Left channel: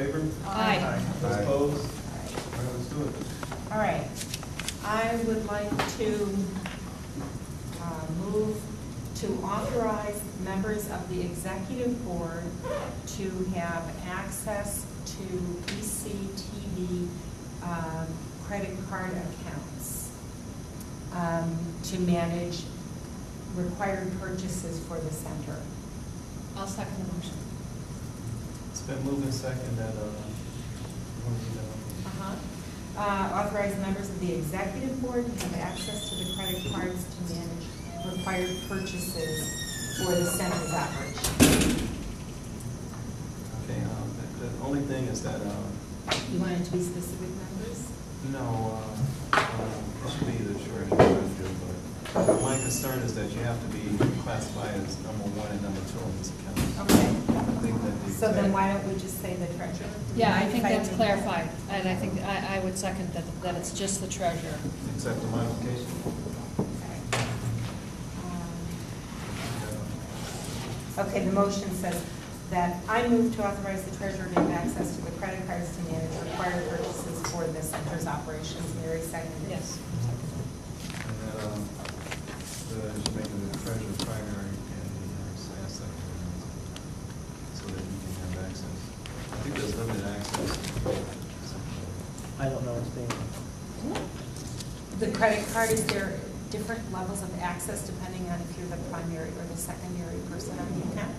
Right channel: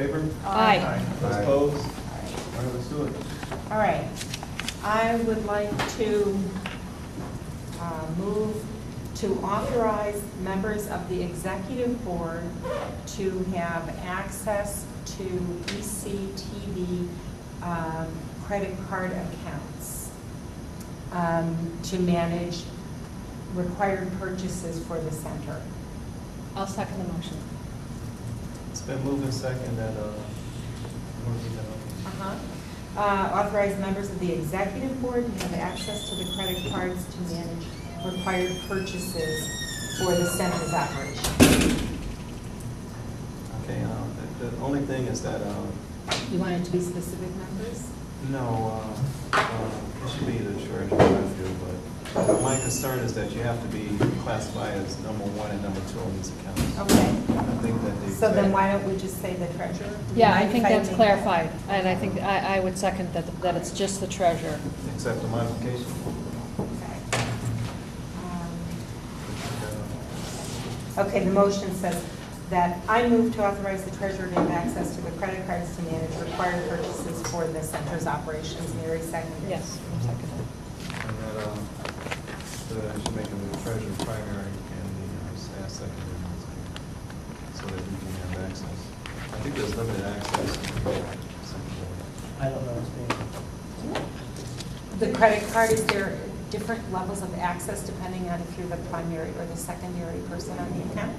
favor? Aye. Those Aye. opposed? All right, let's do it. All right. I would like to move to authorize members of the executive board to have access to ectv credit card accounts to manage required purchases for the center. I'll second the motion. It's been moved and second that, Authorize members of the executive board to have access to the credit cards to manage required purchases for the center's operation. okay, the only thing is that, You want it to be specific members? no, it should be the treasurer, but my concern is that you have to be classified as number one and number two on these accounts. Okay. I think that the. So then why don't we just say the treasurer? Yeah, I think that's If clarified, and I think I would second that it's just the treasurer. Accept the modification? Okay. Okay, the motion says that I move to authorize the treasurer to have access to the credit cards to manage required purchases for the center's operations. Mary seconded. Yes, I'm seconding. And that, should make the treasurer primary and the staff secondary, so that we can have access. I think there's limited access. I don't know what's being. The credit card, is there different levels of access depending on if you're the primary or the secondary person on the account?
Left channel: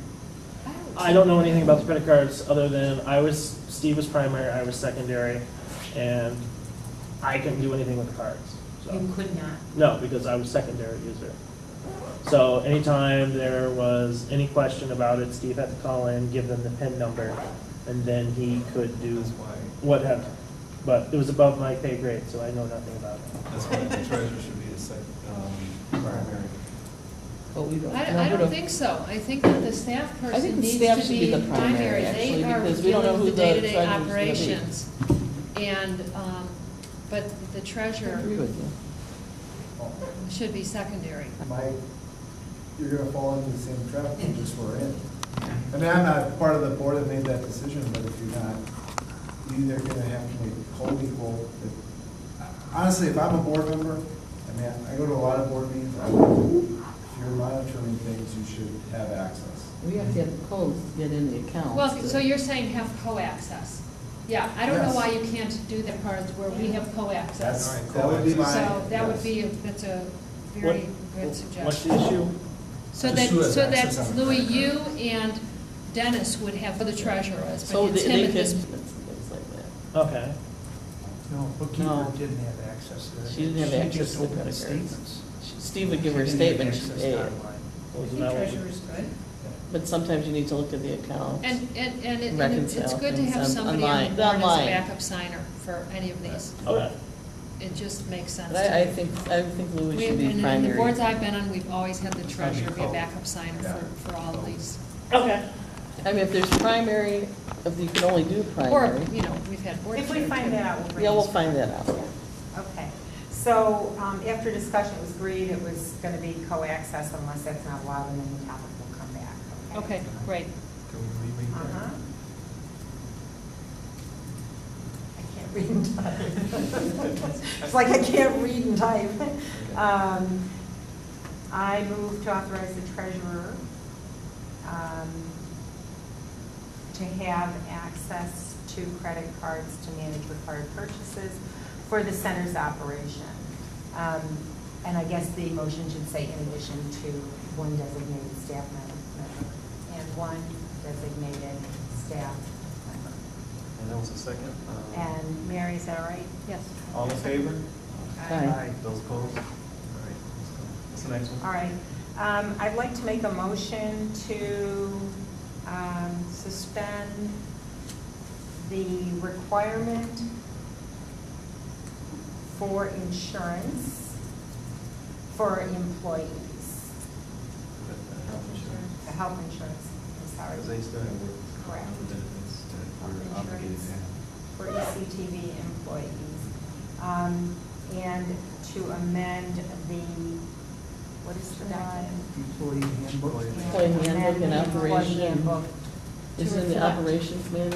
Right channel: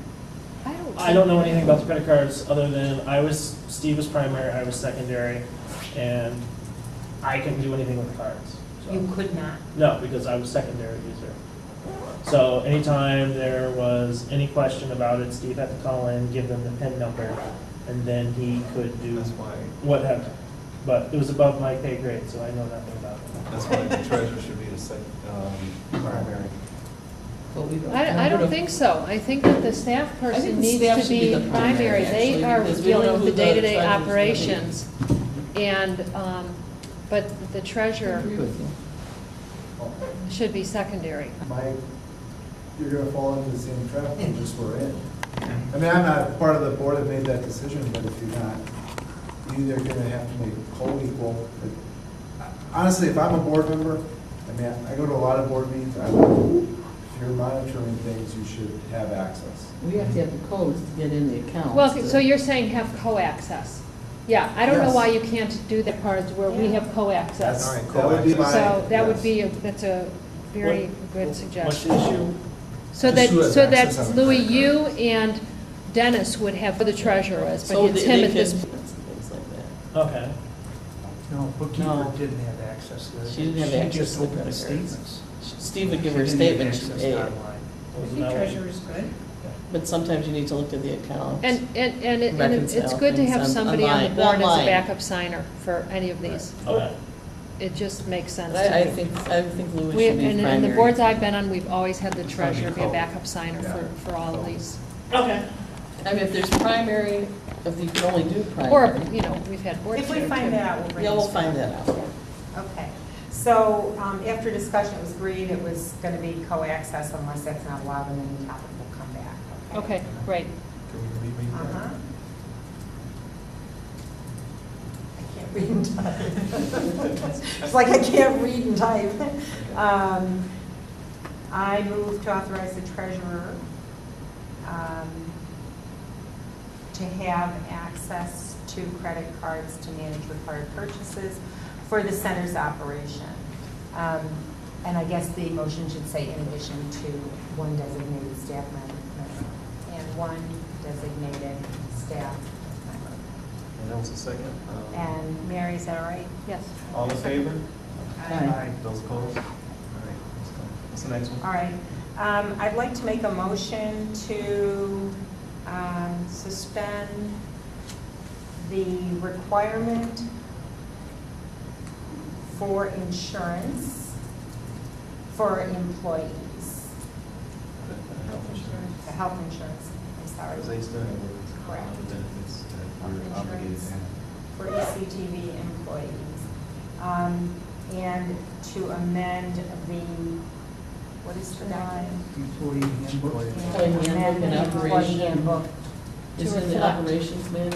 I don't know anything about the credit cards other than Steve was primary, I was secondary, and I couldn't do anything with the cards. So. You could not. No, because I was secondary user. So anytime there was any question about it, Steve had to call in, give them the PIN number, and then he could do That's why. whatever. But it was above my pay grade, so I know nothing about it. That's why the treasurer should be the primary. But we don't. I don't think so. I think that the staff I person think the needs staff to should be be the primary, They actually, are because we don't know dealing with the who the day-to-day treasurer's gonna be. operations. And, but the I treasurer agree with you. should be secondary. You're gonna fall into the same trap we just were in. I mean, I'm not part of the board that made that decision, but if you're not, you're either gonna have to make co-equal. Honestly, if I'm a board member, I mean, I go to a lot of board meetings, if you're monitoring things, you should have access. We have to have the codes to get in the accounts. Well, so you're saying have co-access. Yeah, I don't know Yes. why you can't do the parts where we have co-access. All right, That would be my. So that would yes. be, that's a very good What's suggestion. the issue? So Just who has that access on the Louis, credit you and Dennis would have the treasurer as, So but it's they him at could, this. things like that. Okay. No, bookkeeper No. didn't have access to that. She didn't have access just to the opened credit cards. statements. Steve would give her a She didn't have statement, she'd access pay it. online. Wasn't that what you- is good. But sometimes you need to look at the accounts. And it's Reconcile good to have things somebody on the online. board as a Online. backup signer for any of these. Okay. It just makes sense But to I me. think Louis We, should be and in primary. the boards I've been on, we've always had the It's gotta be treasurer be a co. backup signer Yeah. for all of these. Okay. I mean, if there's primary, if you can only do Or, primary. you know, we've had board If we chair, find too. that out, we'll bring Yeah, it we'll to find you. that out. Okay. So after discussion, it was agreed it was going to be co-access unless that's not allowed, and then the topic will come back. Okay, great. Can we reread that? Uh-huh. I can't read and type. It's like I can't read and type. I move to authorize the treasurer to have access to credit cards to manage required purchases for the center's operation. And I guess the motion should say in addition to one designated staff member and one designated staff member. And that was a second. And Mary, is that all right? Yes. All in favor? Aye. Those opposed? All right, let's go. What's the next one? All right. I'd like to make a motion to suspend the requirement for insurance for employees, Health insurance. the health insurance, I'm sorry, Because they still have work. Correct. The benefits that Health we're obligated to have. for ECTV employees. And to amend the, what is the document? Employee handbook. Employee handbook and Amend the employee operation. handbook Is it in the reflect. operations manual?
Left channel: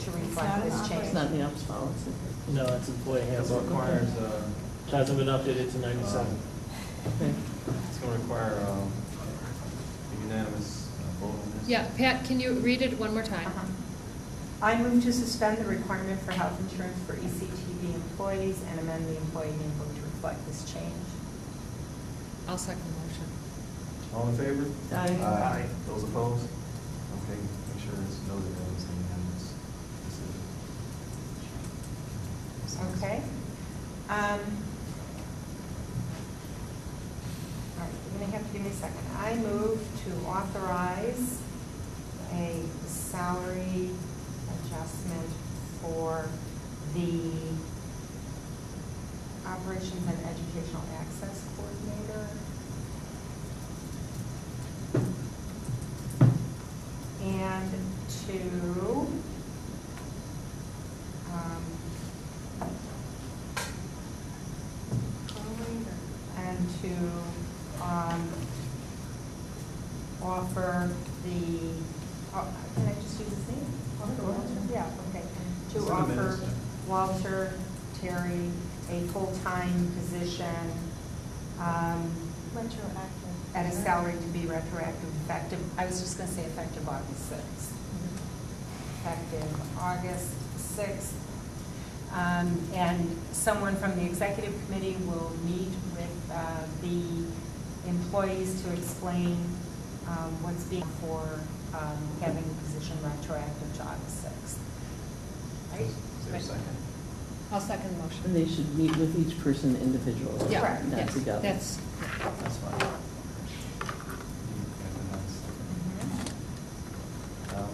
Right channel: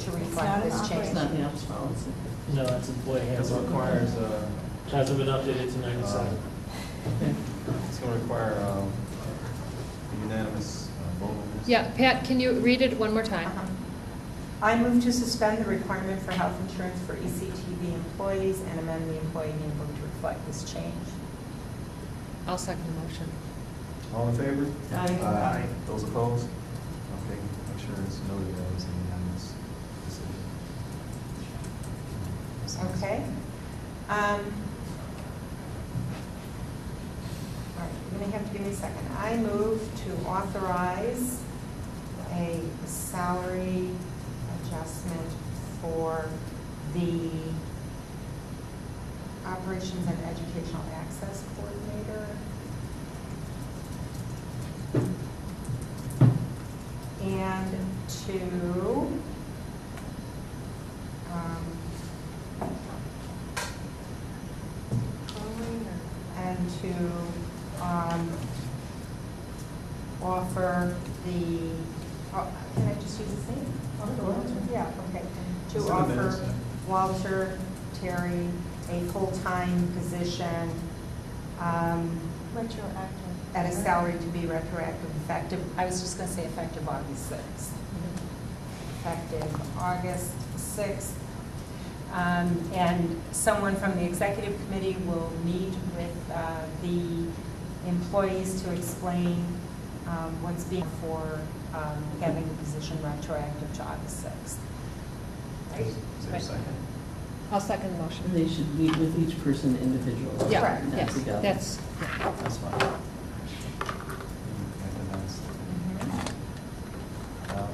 To not reflect an this It's change. not in the ops policy. No, that's employee It handbook. requires, Hasn't been updated to 97. Okay. it's going to require a unanimous vote on this. Yeah, Pat, can you read it one more time? Uh-huh. I move to suspend the requirement for health insurance for ECTV employees and amend the employee handbook to reflect this change. I'll second the motion. All in favor? Aye. Those opposed? Okay, make sure it's noted that was a unanimous decision. Okay. All right, you're going to have to give me a second. I move to authorize a salary adjustment for the Operations and Educational Access Coordinator. And to offer the, can I just use his name? Yeah, okay. It's To in the offer minutes, yeah. Walter Terry a full-time position Retroactive. at a salary to be retroactive effective, I was just going to say effective August 6th. Effective August 6th. And someone from the executive committee will meet with the employees to explain what's being for having the position retroactive to August 6th. Right? Is there a second? I'll second the motion. And they should meet with each person individually. Yeah, Correct. Not yes, together. that's, That's fine. You have to announce.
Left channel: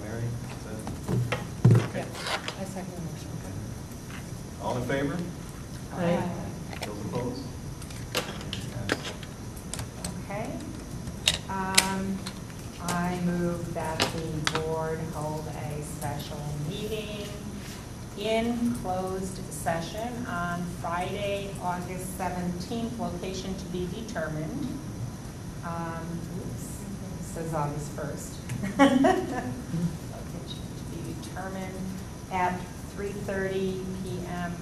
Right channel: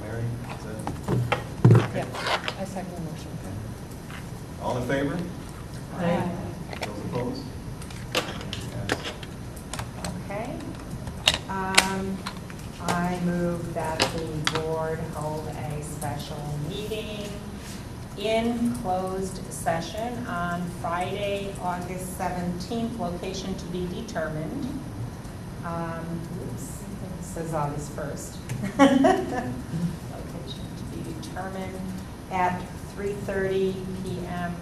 Mary, is that? yeah, Okay. I second the motion. Okay. All in favor? Aye. Those opposed? Yes. Okay. I move that the board hold a special meeting in closed session on Friday, August 17th, location to be determined. Oops, it says August 1st. Location to be determined at 3:30 p.m.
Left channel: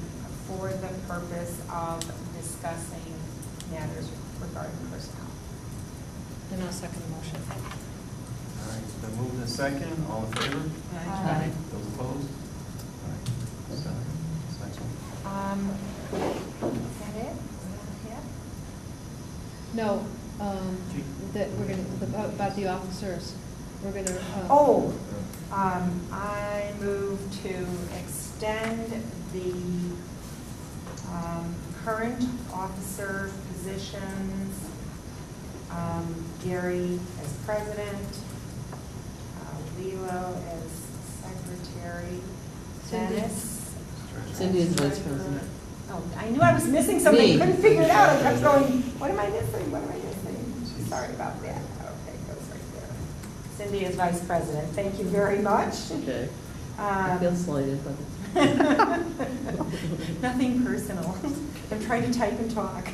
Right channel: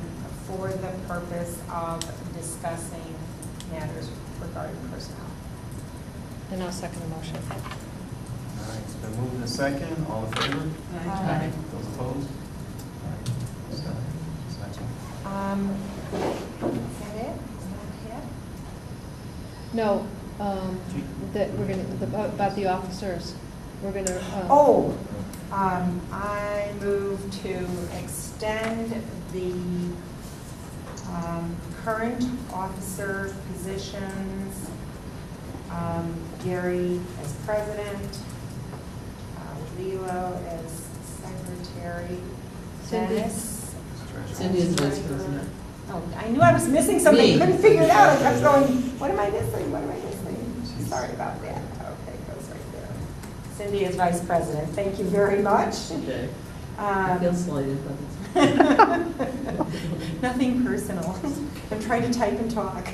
for the purpose of discussing matters regarding personnel. And I'll second the motion. All right, it's been moved and second. All in favor? Aye. Those opposed? All right. So, this next one. Is that it? Is that it? No, that we're gonna, about the officers, we're gonna. Oh, I move to extend the current officer positions, Gary as president, Lilo as secretary, Cindy. Dennis. Cindy is vice president. Oh, I knew I was missing something, Me. couldn't figure it out, I kept going, what am I missing, what am I missing? Sorry about that, okay, goes right there. Cindy is vice president, thank you very much. Okay. I feel Um, slighted, but it's. Nothing personal, I'm trying to type and talk.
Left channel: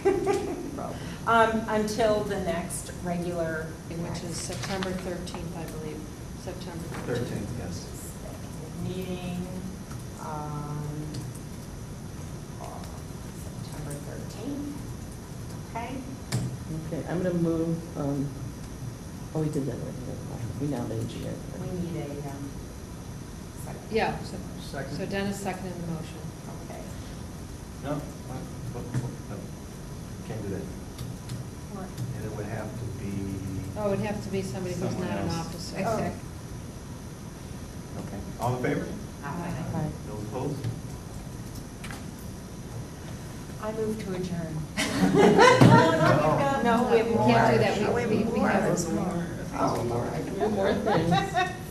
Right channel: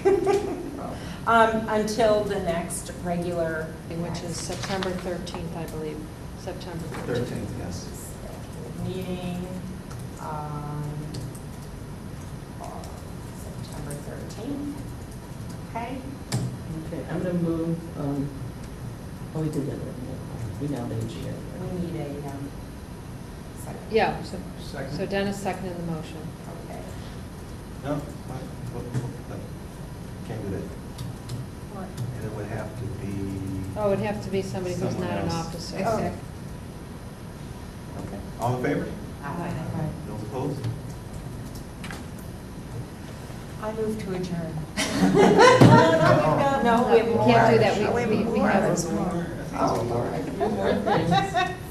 Until the next regular, Which is September 13th, I believe, September 13th. 13th, yes. meeting on September 13th. Okay? Okay, I'm gonna move, we did that already, never mind. We now made you. We need a second. Yeah, so Second? Dennis seconded the motion. Okay. No? What? No. Can't do that. What? And it would have to be, Oh, it'd have to be somebody who's Someone not an else. officer. Oh. okay. All in favor? Aye. Those opposed? I move to adjourn. No, No, we have more. Can't do that. We more. have- There's more. Oh, Lord. More things.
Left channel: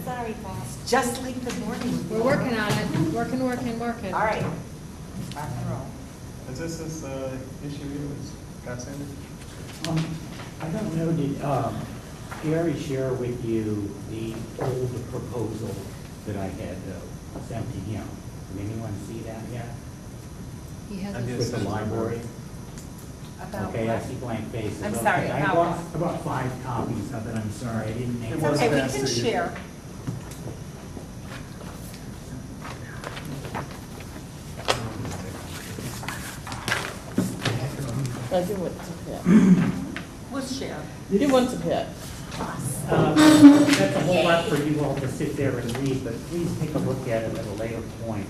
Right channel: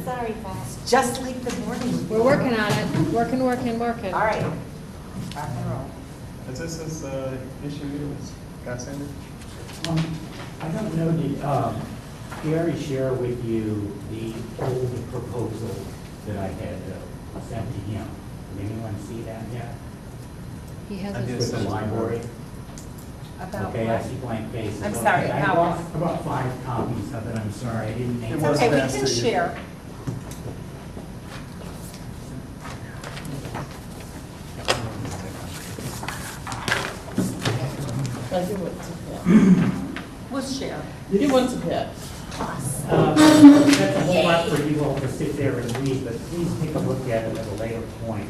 Sorry, Boss. Just like the morning. We're working on it, working. All right. Rock and roll. Is this issue here with Scott Sanders? I don't know, did Gary share with you the old proposal that I had sent to him? Did anyone see that yet? He I hasn't. did. With the library? About Okay, I what? see blank faces. I'm sorry, Okay, about I brought 5 copies of it, I'm sorry, I didn't make It It's was okay, we passed can to you. share. I do want to pit. We'll share. You want to pit. That's a whole lot for you all to sit there and read, but please take a look at it at a later point.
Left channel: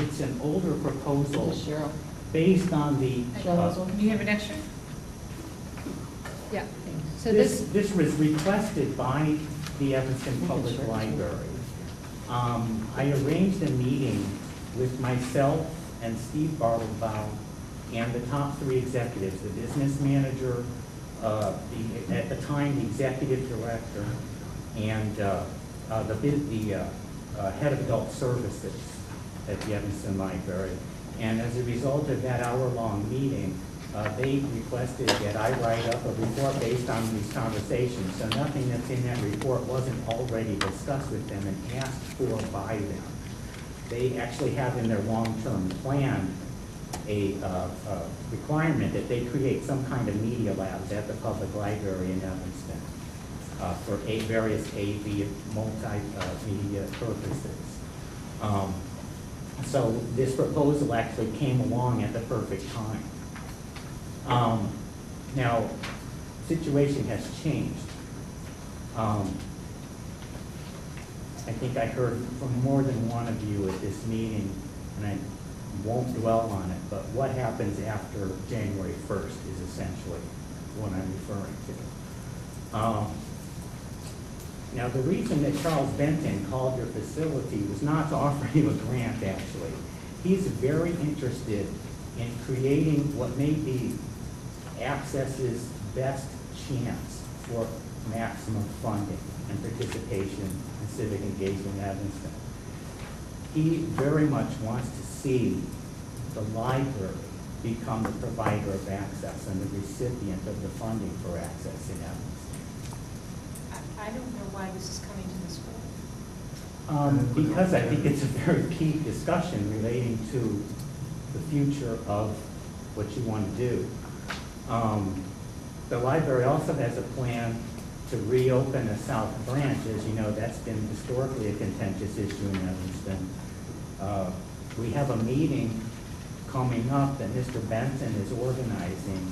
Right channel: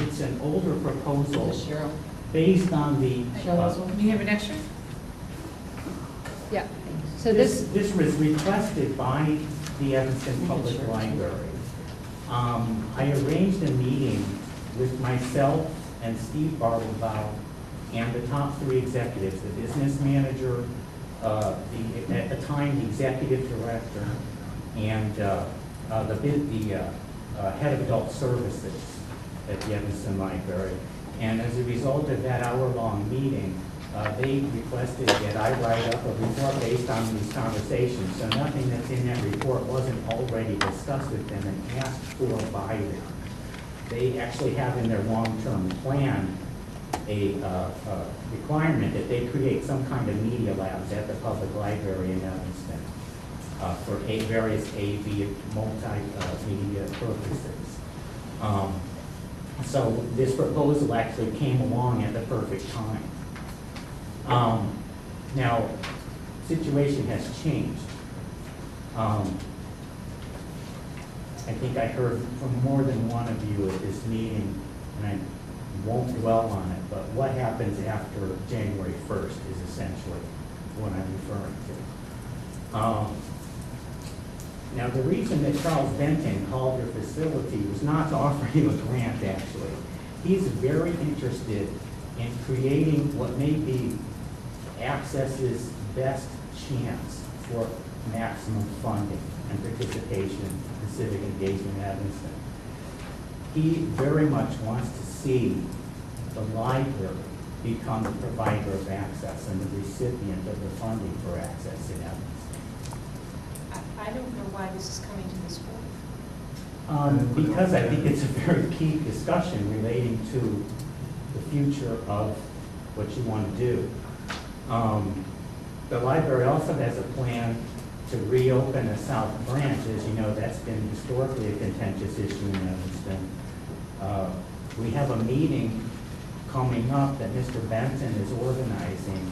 It's an older proposal Cheryl. based on the, Cheryl has one? Do you have an extra? Yeah. So this, this was requested by the Evanston Public Library. I arranged a meeting with myself and Steve Bartlebaum and the top 3 executives, the business manager, at the time, the executive director, and the head of adult services at the Evanston Library. And as a result of that hour-long meeting, they requested that I write up a report based on these conversations. So nothing that's in that report wasn't already discussed with them and asked for by them. They actually have in their long-term plan a requirement that they create some kind of media labs at the public library in Evanston for various AV multimedia purposes. So this proposal actually came along at the perfect time. Now, situation has changed. I think I heard from more than one of you at this meeting, and I won't dwell on it, but what happens after January 1st is essentially what I'm referring to. Now, the reason that Charles Benton called your facility was not to offer you a grant, actually. He's very interested in creating what may be Access's best chance for maximum funding and participation in civic engagement in Evanston. He very much wants to see the library become the provider of access and the recipient of the funding for access in Evanston. I don't know why this is coming to this board. Because I think it's a very key discussion relating to the future of what you want to do. The library also has a plan to reopen a south branch. As you know, that's been historically a contentious issue in Evanston. We have a meeting coming up that Mr. Benton is organizing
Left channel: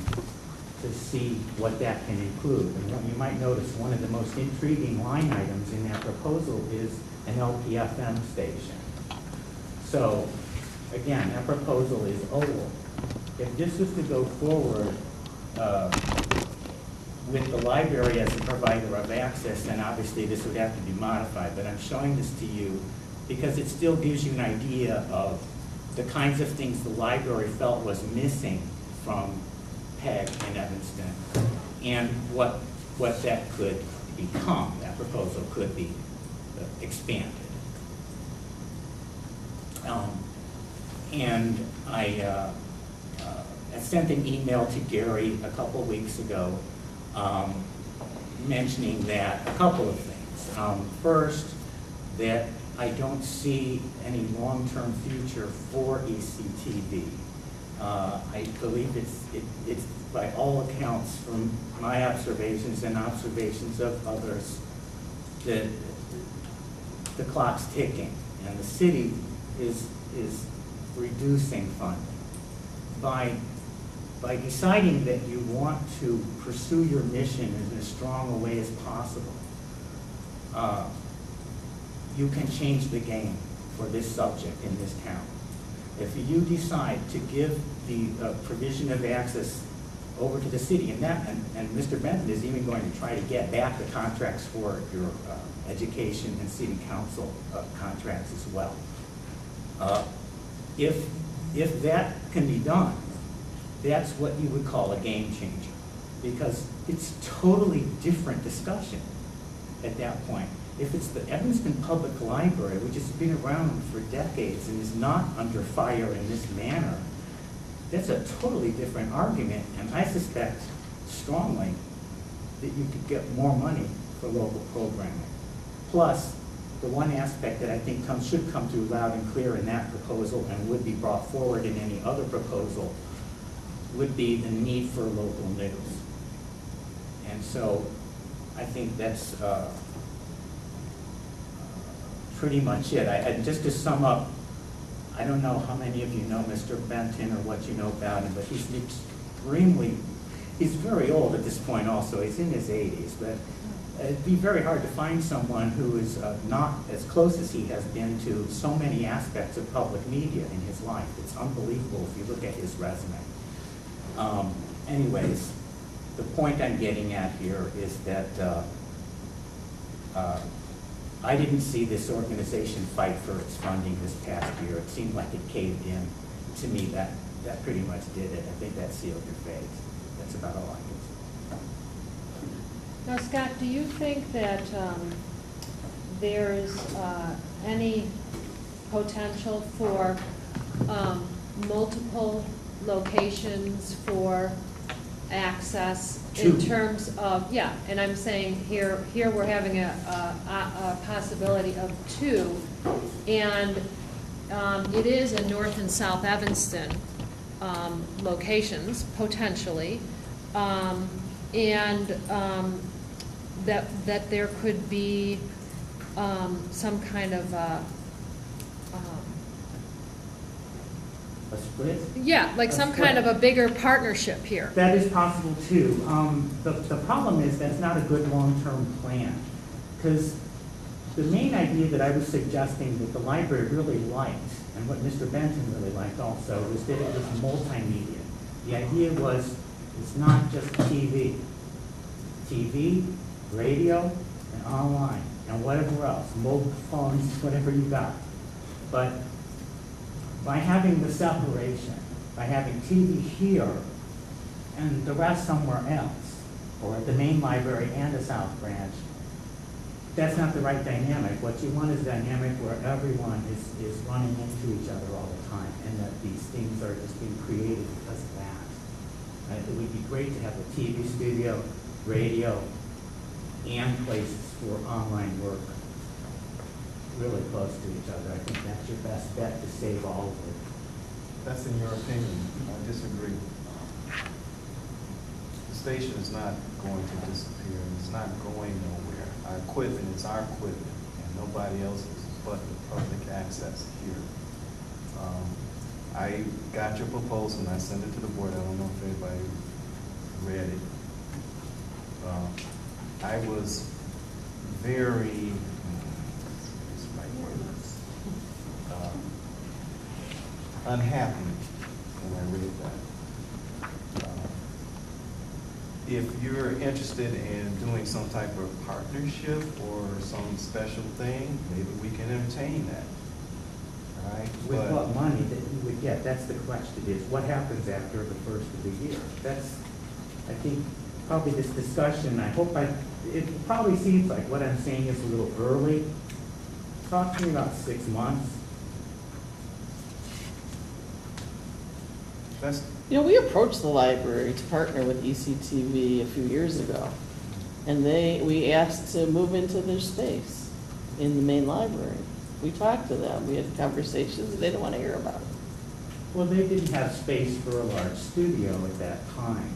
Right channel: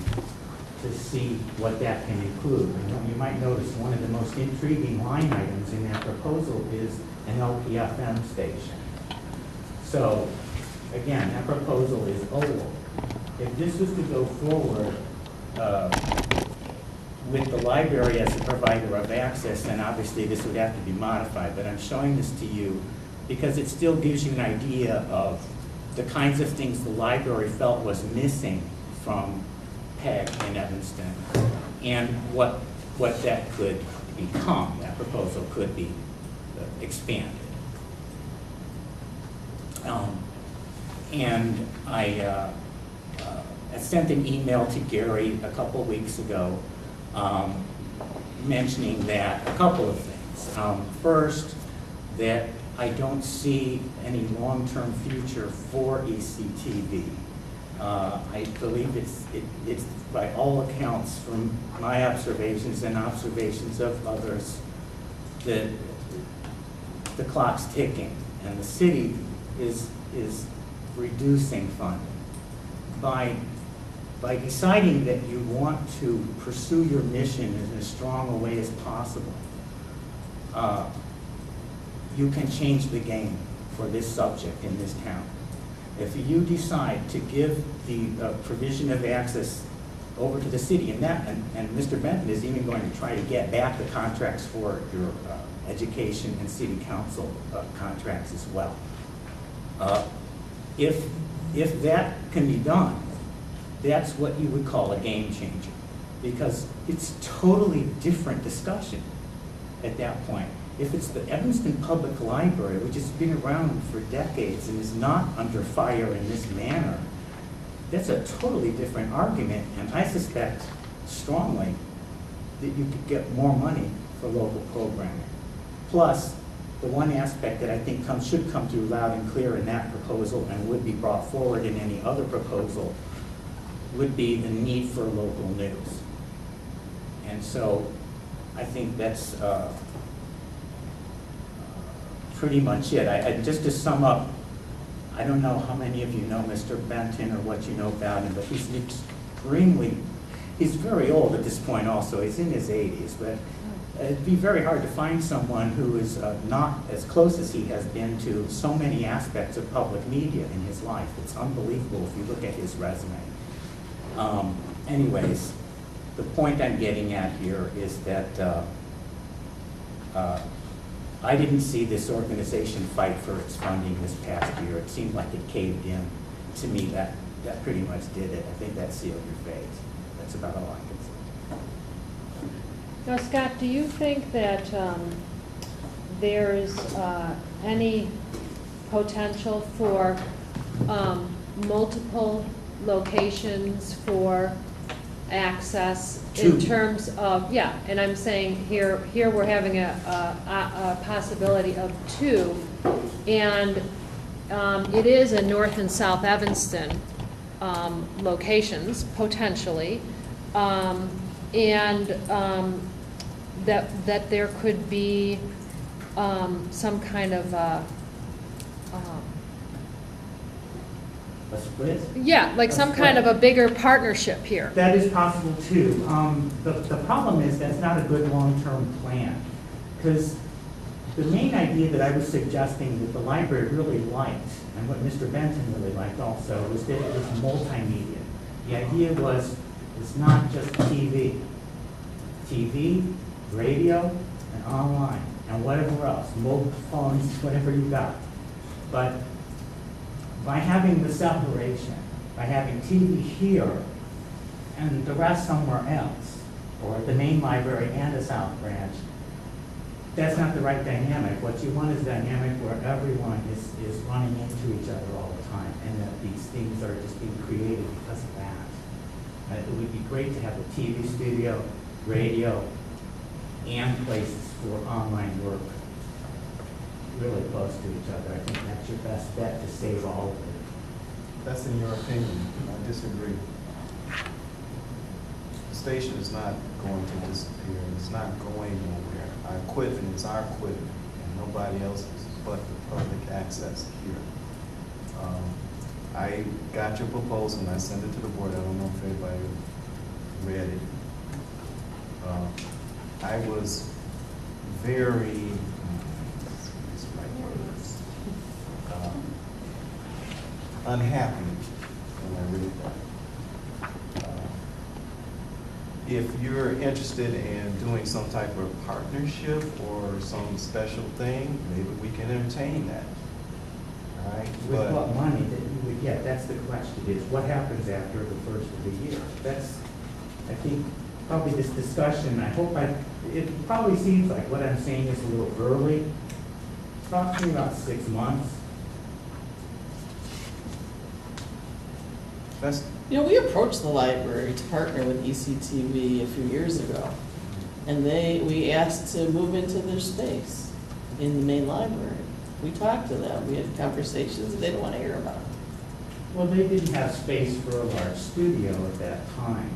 to see what that can include. And you might notice one of the most intriguing line items in that proposal is an LPFM station. So, again, that proposal is old. If this was to go forward with the library as the provider of access, then obviously this would have to be modified. But I'm showing this to you because it still gives you an idea of the kinds of things the library felt was missing from PEG in Evanston and what that could become. That proposal could be expanded. And I sent an email to Gary a couple weeks ago mentioning that a couple of things. First, that I don't see any long-term future for ectv. I believe it's by all accounts from my observations and observations of others that the clock's ticking and the city is reducing funding. By deciding that you want to pursue your mission in as strong a way as possible, you can change the game for this subject in this town. If you decide to give the provision of access over to the city, and Mr. Benton is even going to try to get back the contracts for your education and city council contracts as well. If that can be done, that's what you would call a game changer, because it's totally different discussion at that point. If it's the Evanston Public Library, which has been around for decades and is not under fire in this manner, that's a totally different argument, and I suspect strongly that you could get more money for local programming. Plus, the one aspect that I think should come through loud and clear in that proposal and would be brought forward in any other proposal would be the need for local news. And so I think that's pretty much it. Just to sum up, I don't know how many of you know Mr. Benton or what you know about him, but he's extremely, he's very old at this point also, he's in his 80s, but it'd be very hard to find someone who is not as close as he has been to so many aspects of public media in his life. It's unbelievable if you look at his resume. Anyways, the point I'm getting at here is that I didn't see this organization fight for its funding this past year. It seemed like it caved in. To me, that pretty much did it. I think that sealed your fate. That's about all I can say. Now, Scott, do you think that there's any potential for multiple locations for access in Two. terms of, yeah, and I'm saying here we're having a possibility of two, and it is in North and South Evanston locations, potentially, and that there could be some kind of A split? yeah, like some kind of a bigger partnership here. That is possible too. The problem is that's not a good long-term plan, because the main idea that I was suggesting that the library really liked, and what Mr. Benton really liked also, was that it was multimedia. The idea was it's not just TV, radio, and online, and whatever else, mobile phones, whatever you got. But by having the separation, by having TV here and the rest somewhere else, or at the main library and a South Branch, that's not the right dynamic. What you want is a dynamic where everyone is running into each other all the time, and that these things are just being created because of that. It would be great to have a TV studio, radio, and places for online work really close to each other. I think that's your best bet to save all of it. That's in your opinion. I disagree. The station is not going to disappear, and it's not going nowhere. Our equipment is our equipment, and nobody else's but the public access here. I got your proposal, and I sent it to the board. I don't know if anybody read it. I was very, unhappy when I read that. If you're interested in doing some type of partnership or some special thing, maybe we can entertain that. All right? With But what money that you would get, that's the question, is what happens after the first of the year? That's, I think, probably this discussion, it probably seems like what I'm saying is a little early. Talk to me about 6 months. that's, You know, we approached the library to partner with ECTV a few years ago, and we asked to move into their space in the main library. We talked to them, we had conversations, they didn't want to hear about it. Well, they didn't have space for a large studio at that time.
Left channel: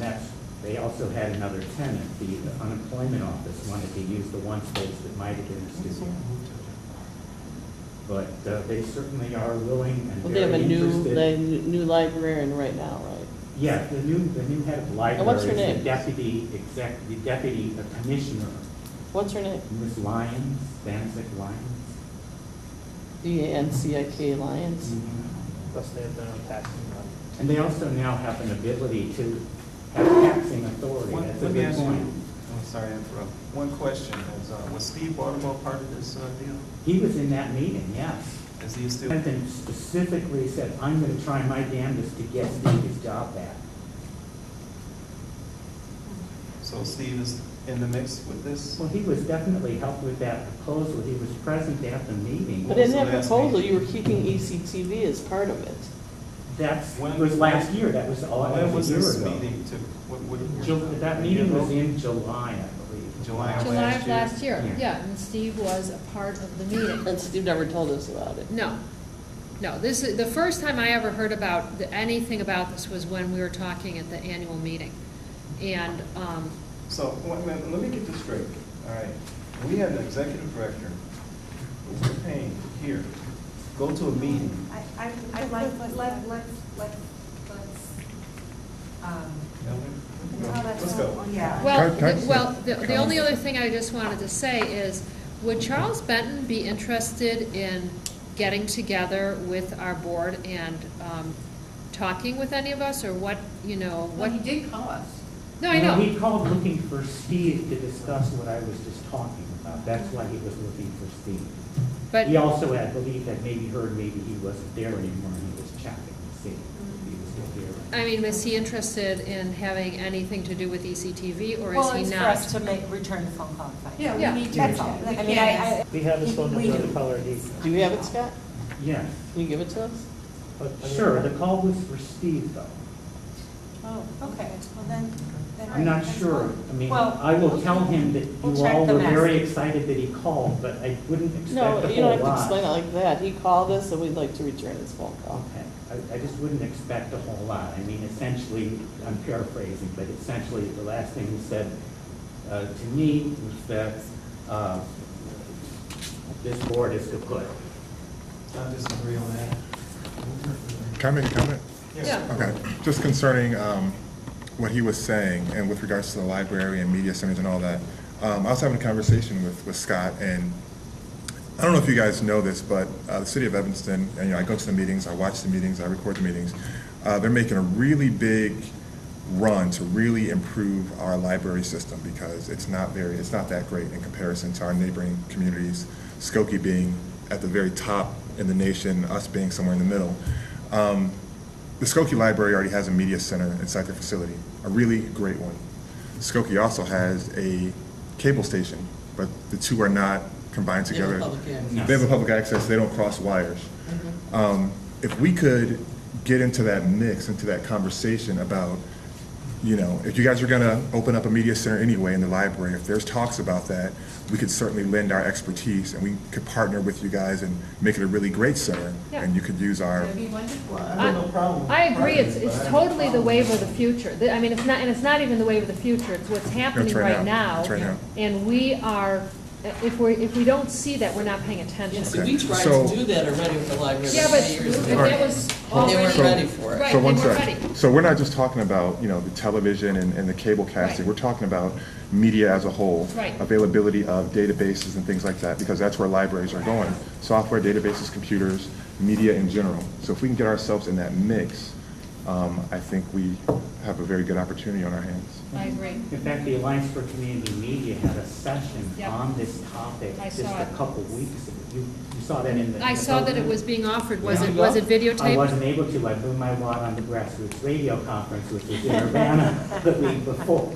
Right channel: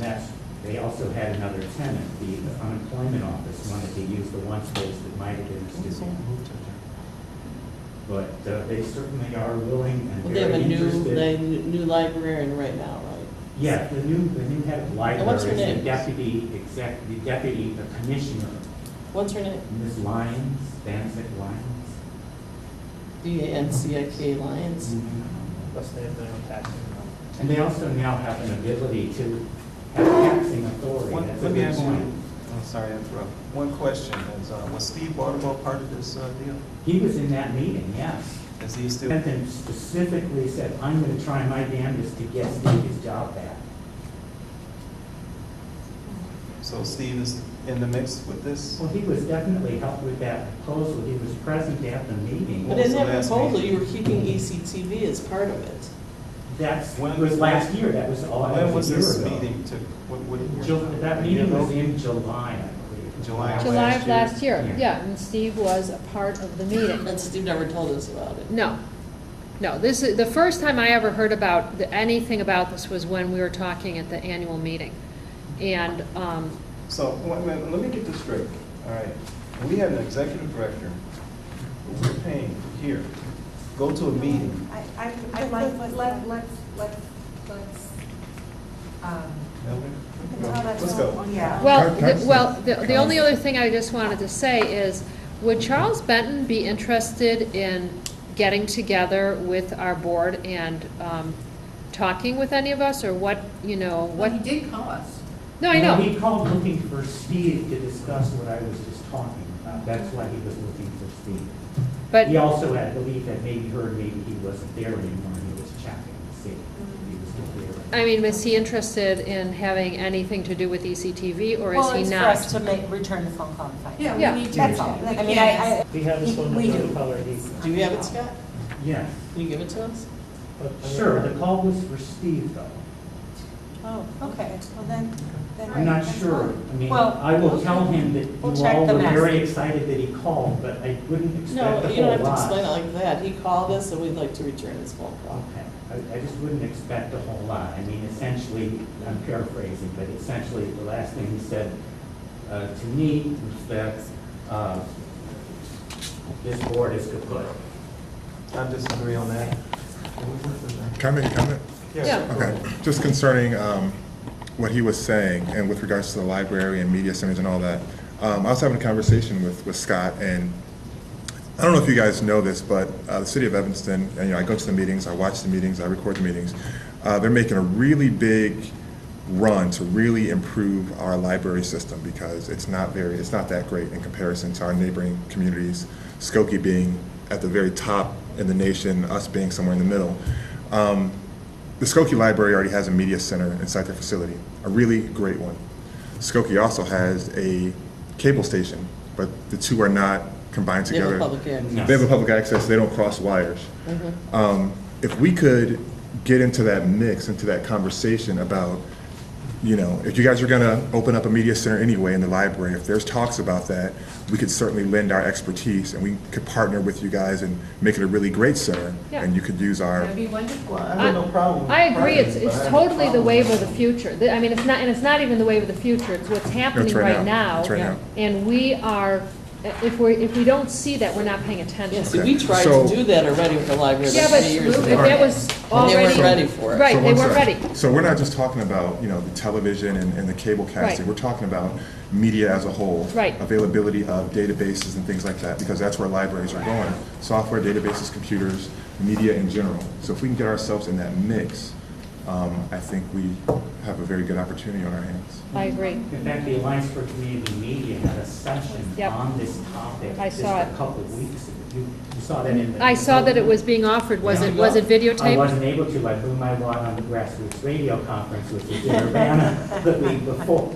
And they also had another tenant, the unemployment office wanted to use the one space that might have been a studio. But they certainly are willing and Well, they have very a interested. new librarian right now, right? Yeah, the new head of the library what's her is name? the deputy commissioner, What's her name? Ms. Lyons, Danzig Lyons. DANCIK Lions. Plus they have their own taxing. And they also now have an ability to have taxing authority. That's a Let me good ask you, point. I'm sorry to interrupt. One question is, was Steve Waterboy part of this deal? He was in that meeting, yes. Is he still? Benton specifically said, I'm going to try my damnedest to get Steve his job back. So Steve is in the mix with this? Well, he was definitely helped with that proposal. He was present at the meeting. But in What that was the last proposal, meeting? you were keeping ECTV as part of it. That's, When- it was last year, that was all, that When was was a year this ago. meeting took? That a year meeting was ago? in July, I believe. July of July of last year, Yeah. yeah, and Steve was a part of the meeting. And Steve never told us about it. No, this is, the first time I ever heard about, anything about this was when we were talking at the annual meeting. And, So, wait a minute, let me get this straight. All right, we have an executive director, who we're paying here, go to a meeting. I'd like, let's Let's go. Yeah. Well, Can I say- the only other thing I just wanted to say is, would Charles Benton be interested in getting together with our board and talking with any of us, or what, Well, what? he did call us. No, I know. He called looking for Steve to discuss what I was just talking about. That's why he was looking for Steve. But, He also had believed that maybe he wasn't there anymore, and he was checking to see if he was still there. I mean, is he interested in having anything to do with ECTV, or Well, is he it's for not? us to return the phone call and find out. Yeah, Yeah. we need to. That's all. the I mean, candidates. We have his phone We number, do. the caller ID. Do you have it, Scott? Yes, Can you give it to us? sure, the call was for Steve, though. Oh, okay, well then. I'm not that's sure. fine. I mean, Well, I will tell him that we'll you check all the were very message. excited that he called, but I wouldn't No, expect a you don't whole have to lot. explain it like that. He called us and we'd like to return his phone call. Okay, I just wouldn't expect a whole lot. I mean, essentially, I'm paraphrasing, but essentially, the last thing he said to me was that this board is kaput. I disagree on that. Can I make a comment? Yeah. Okay, just concerning what he was saying, and with regards to the library and media centers and all that. I was having a conversation with Scott, and I don't know if you guys know this, but the city of Evanston, and I go to the meetings, I watch the meetings, I record the meetings. They're making a really big run to really improve our library system, because it's not that great in comparison to our neighboring communities, Skokie being at the very top in the nation, us being somewhere in the middle. The Skokie Library already has a media center inside their facility, a really great one. Skokie also has a cable station, but the two are not combined They have a together. public access. No. They have a public access, they don't cross wires. If we could get into that mix, into that conversation about, if you guys are gonna open up a media center anyway in the library, if there's talks about that, we could certainly lend our expertise, and we could partner with you guys and make it a really great center, Yeah. and you could use our, That'd be wonderful. I have no problem. I agree, it's partnering, but I have a totally the problem wave of with- the future. I mean, it's not even the wave of the future, it's what's happening right now. That's right now. And we are, if we don't see that, we're not paying attention. Yeah, see, we tried So- to do that already with the library Yeah, like but 3 years if ago. that was And they already. weren't ready for it. Right, So they one weren't sec. ready. So we're not just talking about, the television and the cable casting. Right. We're talking about media as a whole. Right. Availability of databases and things like that, because that's where libraries are going. Software, databases, computers, media in general. So if we can get ourselves in that mix, I think we have a very good opportunity on our hands. I agree. In fact, the Alliance for Community Media had a session Yep. on this topic I just saw a it. couple weeks ago. You saw that in the... I saw that it was being offered, was it videotaped? I wasn't able to. I blew my wad on the grassroots radio conference, which was in Urbana the week before.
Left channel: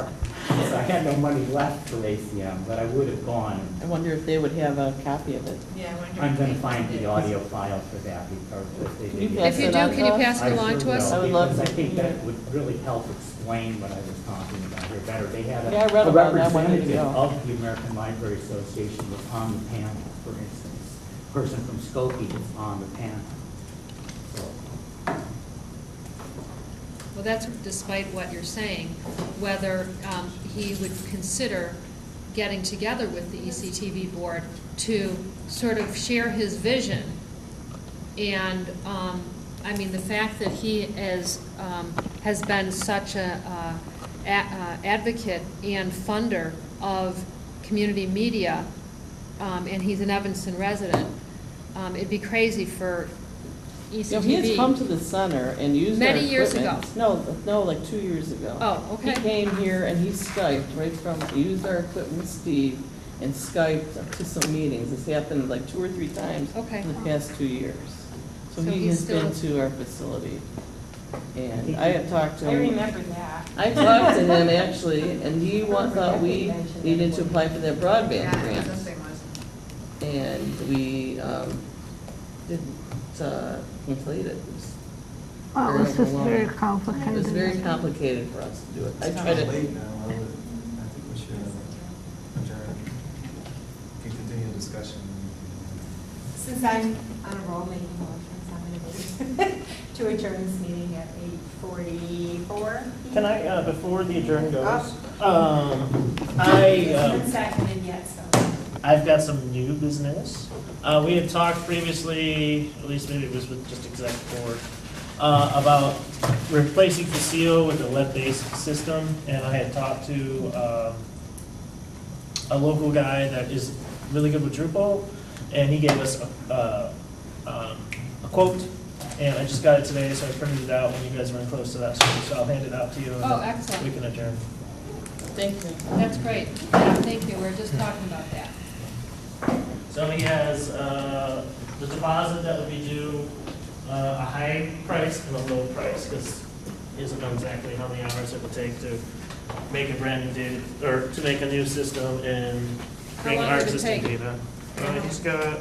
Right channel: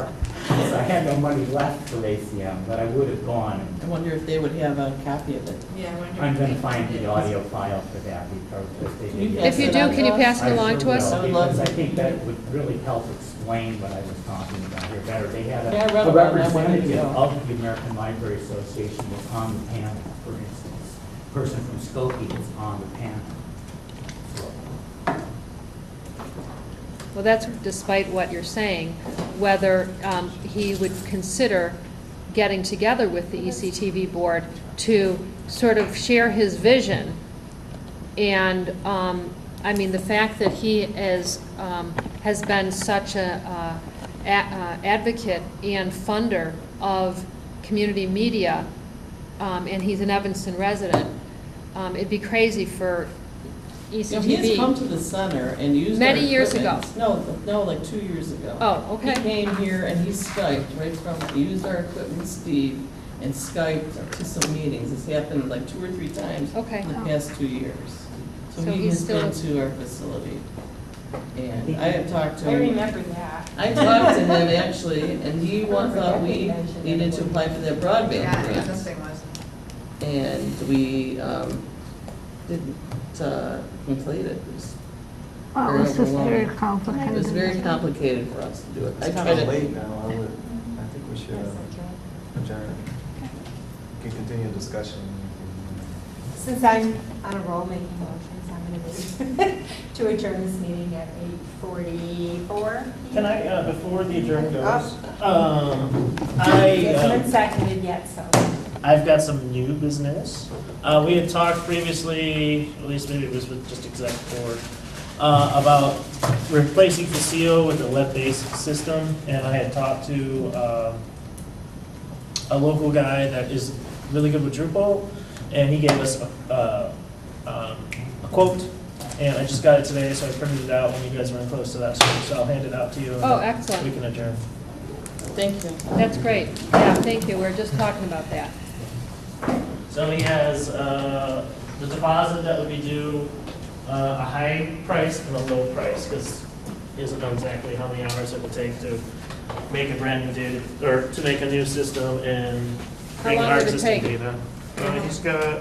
So I had no money left for ACM, but I would have gone. I wonder if they would have a copy of it. Yeah, I wonder. I'm if going to they find did. the audio file for that because they Can you did. pass If you it do, on can to you us? pass it along to us? I would love Because I to. think that would really help explain what I was talking about here better. They had Yeah, I read a about that one representative years ago. of the American Library Association was on the panel, for instance. A person from Skokie was on the panel. So, Well, that's despite what you're saying, whether he would consider getting together with the ECTV board to sort of share his vision. And, I mean, the fact that he has been such a advocate and funder of community media, and he's an Evanston resident, it'd be crazy for You know, he has come ECTV. to the center and used our Many years equipment. No, like 2 years ago. Oh, He okay. came here and he Skyped right from, he used our equipment, Steve, and Skyped to some meetings. It's happened like 2 or 3 times Okay. in the past 2 years. So So he he's has been still- to our facility. And I have talked to I him. remember that. I talked to him actually, and he thought we needed to apply for that broadband Yeah, grant. something was. And we didn't complete it. Well, Very it was just very overwhelming. complicated. It was very complicated for us to do it. I It's tried kind of to, late now. I think we should adjourn. We can continue discussion. Since I'm on a roll making motions, I'm going to move to adjourn this meeting at 8:44. Can I, before the adjourn goes, It hasn't been seconded yet, so. I've got some new business. We had talked previously, at least maybe it was with just exec board, about replacing Facile with a web-based system, and I had talked to a local guy that is really good with Drupal, and he gave us a quote, and I just got it today, so I printed it out when you guys were in close to that, so I'll hand it out to you. And Oh, then excellent. We can adjourn. Thank you. That's great. Yeah, thank you. We were just talking about that. So he has the deposit that would be due, a high price and a low price, because he doesn't know exactly how many hours it will take to make a brand new data, or to make a new system and How bring long our would it existing take? data. He's got,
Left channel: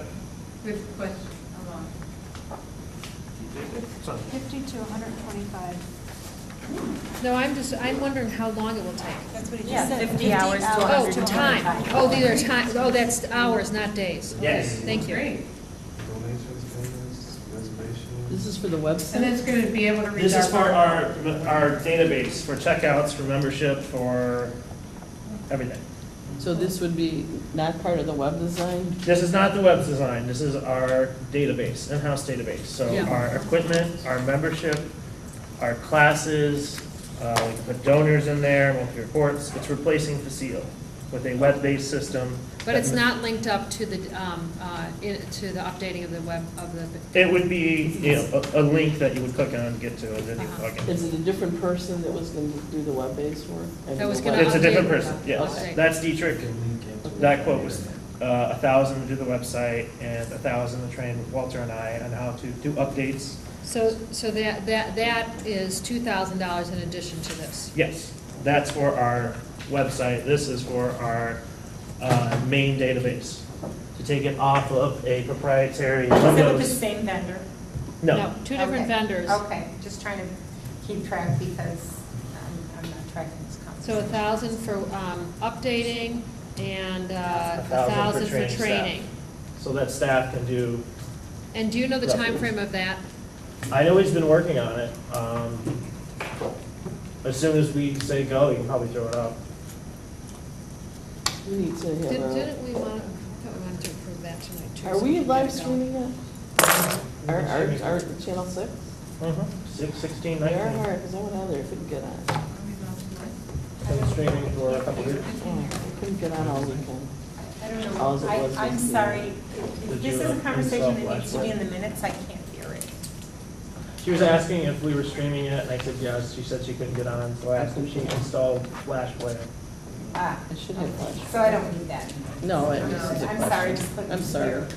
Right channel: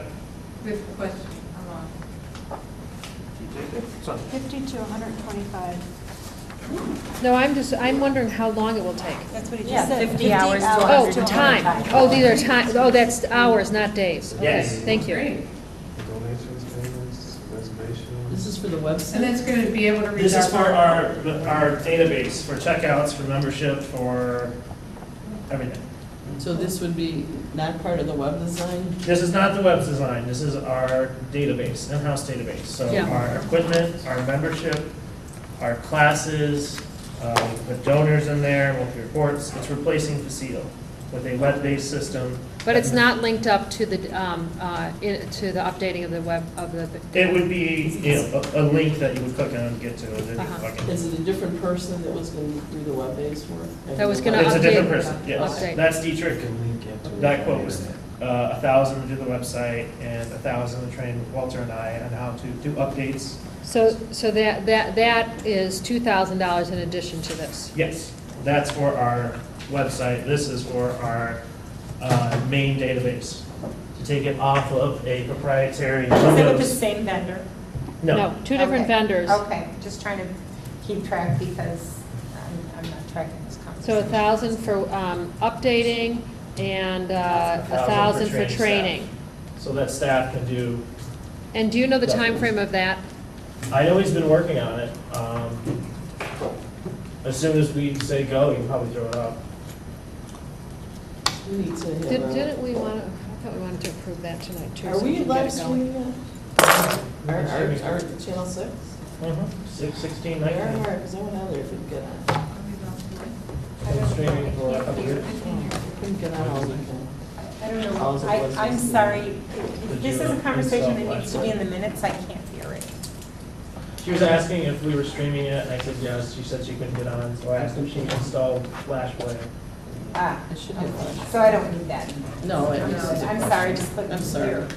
Good question. How long? Sorry. 50 to 125. No, I'm wondering how long it will take. That's what he Yeah, just said. 50 hours to Oh, 125. time. Oh, these are time, oh, that's hours, not days. Okay, Yes. thank you. Great. Donations, payments, reservations. This is for the And website? that's going to be able to read This is for our. our database, for checkouts, for membership, for everything. So this would be not part of the web design? This is not the web design, this is our database, in-house database. So Yeah. our equipment, our membership, our classes, we can put donors in there, monthly reports. It's replacing Facile with a web-based system. But it's not linked up to the, to the updating of the web, of the. It would be, a link that you would click on to get to, and then you Uh-huh. plug in. Is it a different person that was going to do the web-based work? That was gonna It's a different update. person, yes. Update. That's Dietrich. Can link into That it. quote was 1,000 to do the website and 1,000 to train Walter and I on how to do updates. So that is $2,000 in addition to this. Yes, that's for our website. This is for our main database. To take it off of a proprietary Is it with the Windows. same vendor? No, Two different Okay. vendors. Okay, just trying to keep track because I'm not tracking this So conversation. 1,000 for updating and 1,000 for staff. training. So that staff can do, And do you know the time frame of that? I know he's been working on it. As soon as we say go, you can probably throw it up. We need to have Didn't we want, I thought we wanted to approve that tonight too. Are so we can live get it going. streaming it? Our channel 6? 16, They are 19. hard, because I went on there, couldn't get on. Been streaming for a couple years. Couldn't get on all weekend. I don't All it know, was I'm was- sorry, Did if this you is a conversation install that needs to be Flash? in the minutes, I can't hear it. She was asking if we were streaming it, and I said yes. She said she couldn't get on, so I asked if she installed Flash Player. Ah, It should have flash. so I don't need that. No, it I'm needs to I'm flash. sorry, just click I'm sorry. here.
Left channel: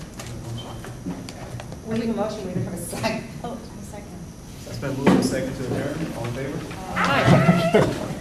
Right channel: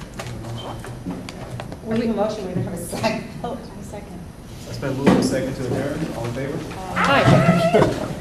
We have a motion, we don't have a second. Oh, I second. It's been moved and seconded to adjourn. All in favor? Hi.